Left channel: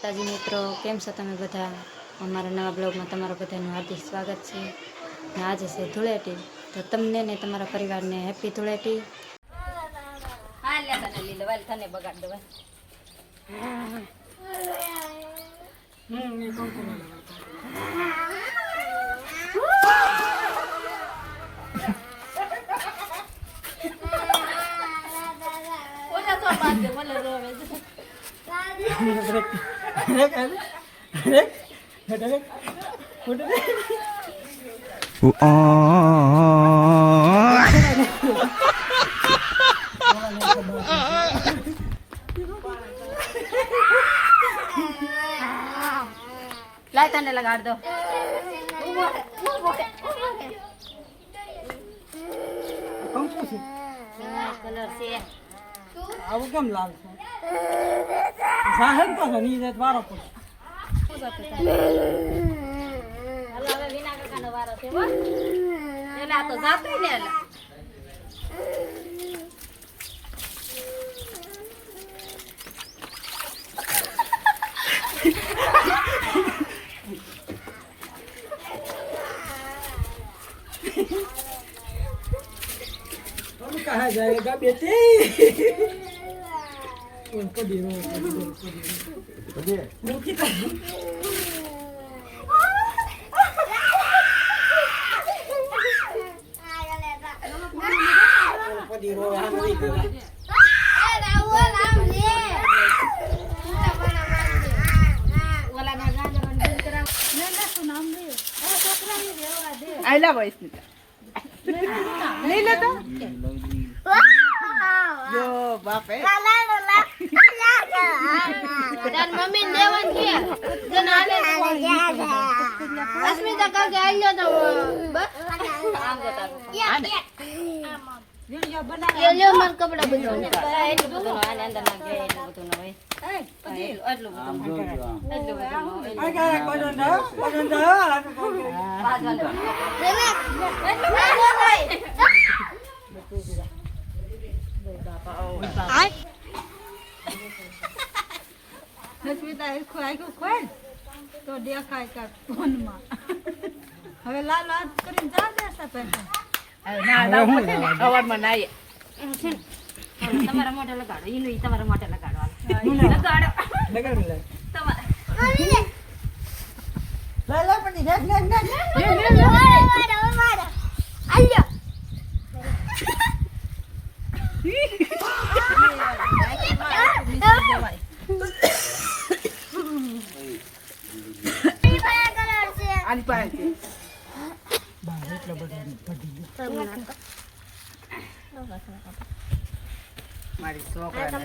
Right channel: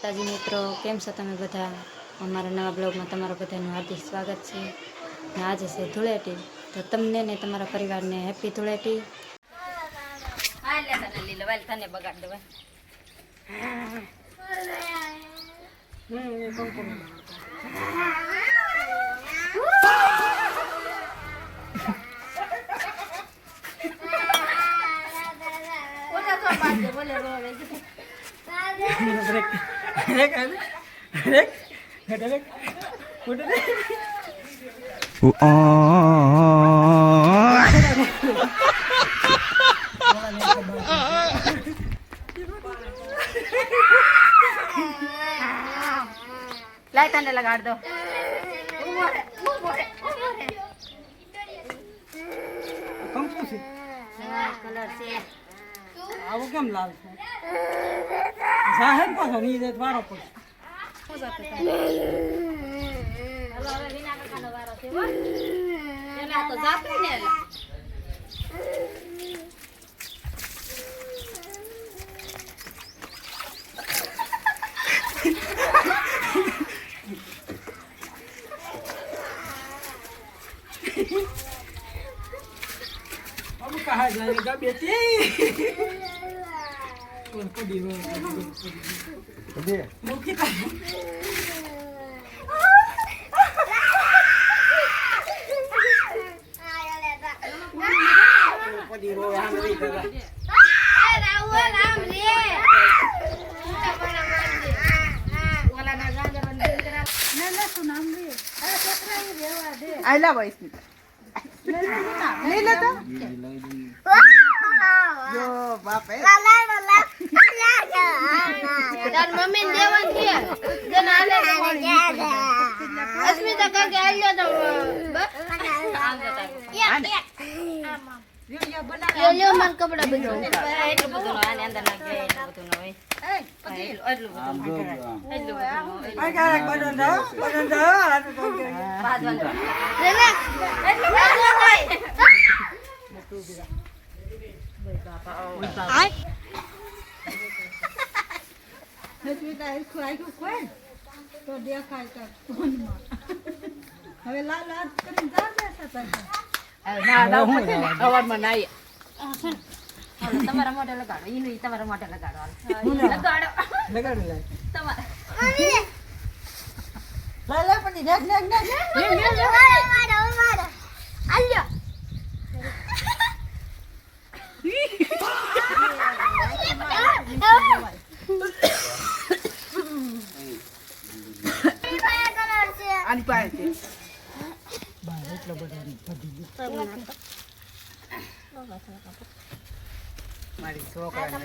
તાજી મિત્રો કેમ છો તમે બધા? અમારા નવા બ્લોગમાં તમારા બધાનું હાર્દિક સ્વાગત છે. ને આજે છે ધૂળેટી, તો તમને ને તમારા પરિવારને હેપી ધૂળેટી. તને બગાડ દેવાય. લાય તને લગાડ દો. કલર છે આવું કેમ લાલ છે? જાહેર પાછો ની દે વારો પડે. હાલો હવે વિના કાકાનો વારો છે હો. એલા તો જાતું ને એલા. हम कहाँ जाएगा बेटी? पड़ी रो मुखी का पड़ी रो हम नहीं कर वाला ना जा जरा दिन करा ले ले सुनाम दे पेपरा ही रेवा दे आइला भाई ले ले तो यो बाप है તાર મમ્મી લેવન કે જન આલે અસ્મિતા કાકે આલ્યો તો બસ આમ જતા યો યો મન કપડા બદલો એટલું બધું નો આને અંદર નાખ દે એટલું બધું નો હોય એટલું બધું આ કારક બડન દો પાંચ વાલે એટલું બધું હોય હસમિતા એ ખોઈ ખોઈ તો દેખાય કા ફોનમાં હવે લાલ હાથ કરીને જા દેસા તને ના ના અવાજમાં ના હાલો તમારા મોઢે લગાડો ઈનું તમારા મોઢે લગાડો લગાડો લગાડ લે તમારે લા પણ દેખ આલ્યો આની પાસે છે બહાર એટલો બધો પડી ગયો મારી છોકરાને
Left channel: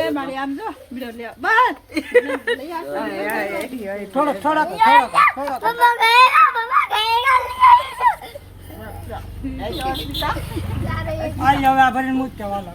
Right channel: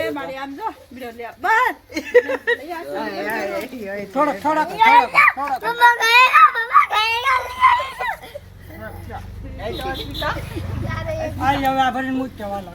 એ મારી આમ જો બીજો લે બસ થોડો આઈ હવે આ ભરીને મૂક જવાલો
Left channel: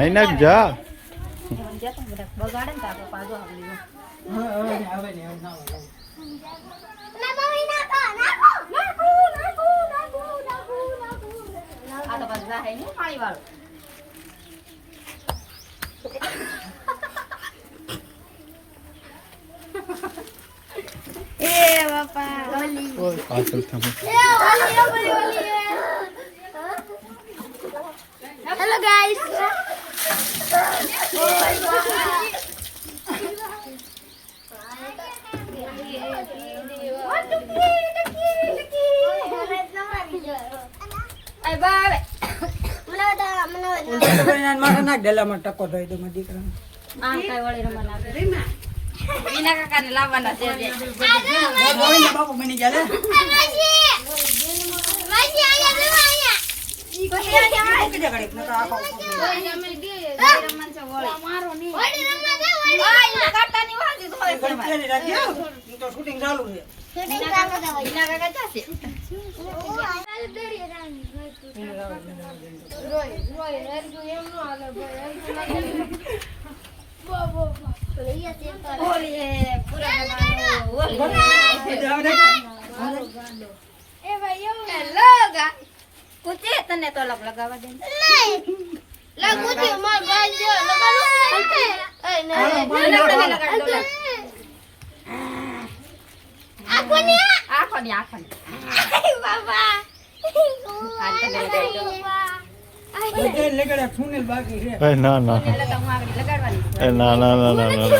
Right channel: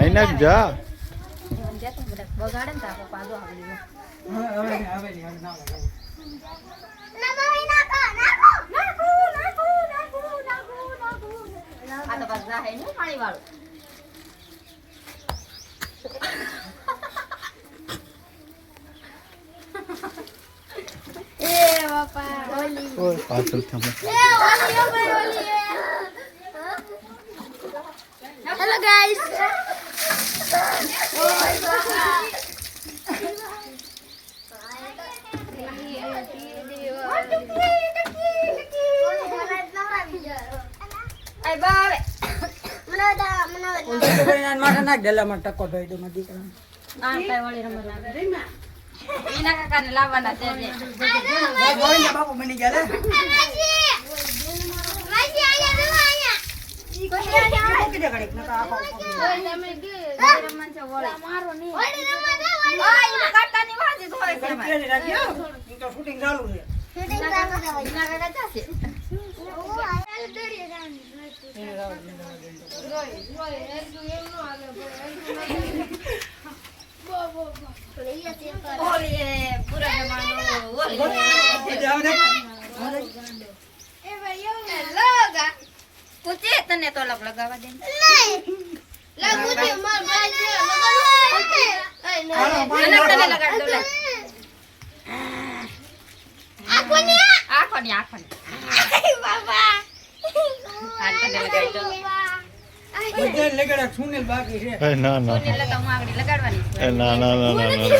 नहीं जा બગાડે ને તાપો પાછો આવી ગયો. હવે આ તો બસ જાહે ને પાણી વાળું. પાછળ થમે Hello guys. એ બાવે આ કાઈ વળી રમવા લાગે. એના કાકાને લાવવાના છે જે. કુચે તને તો લગાવવા દે. આખોની આ તને લગાવી દો. ના ના એટલે તો હું આગળ લગાડવાની છું. ના ના ના ના ના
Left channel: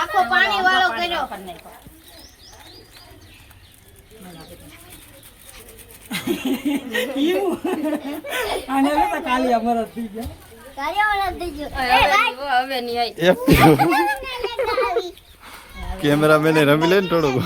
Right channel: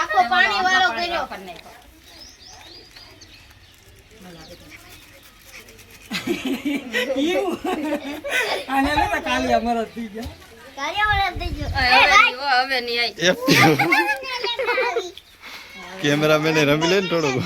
આખો પાણી વાળો કર્યો. હવે નહીં આવી. કેમેરામેન રમી લે ને થોડુંક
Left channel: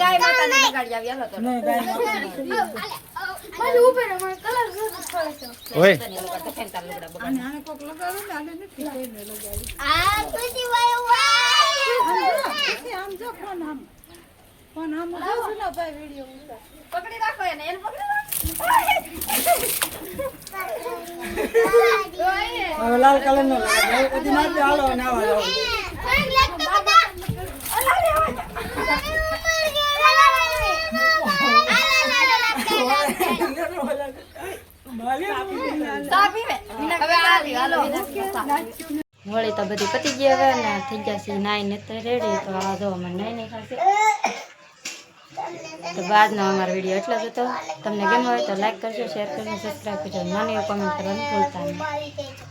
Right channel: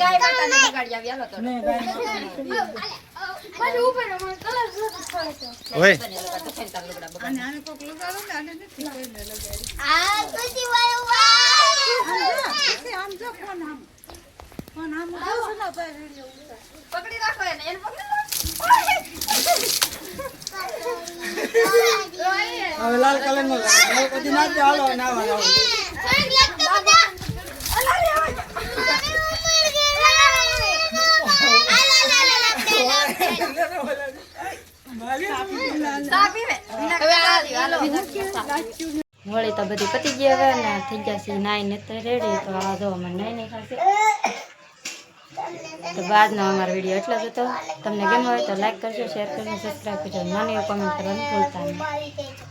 ગાય માતાને લગાડી આવી. હાલો તો ઓય પકડી રાખો એને પકડી હવે લાલ કલર નો પછી નાચે હાલો નાવા હોળી તો બધી પતી ગઈ હવે ને થઈ ગયા છે નાઈને રેડી. તો આ જો અમે નહીં ખાશે. તો બાદનો અમારો વિડીયો એટલો જ હતો. તમને ગમ્યો હોય તો લાઈક કરજો, શેર કરજો, સબસ્ક્રાઈબ કરજો, નાની કોમેન્ટ કરવાનું ભૂલતા નહીં.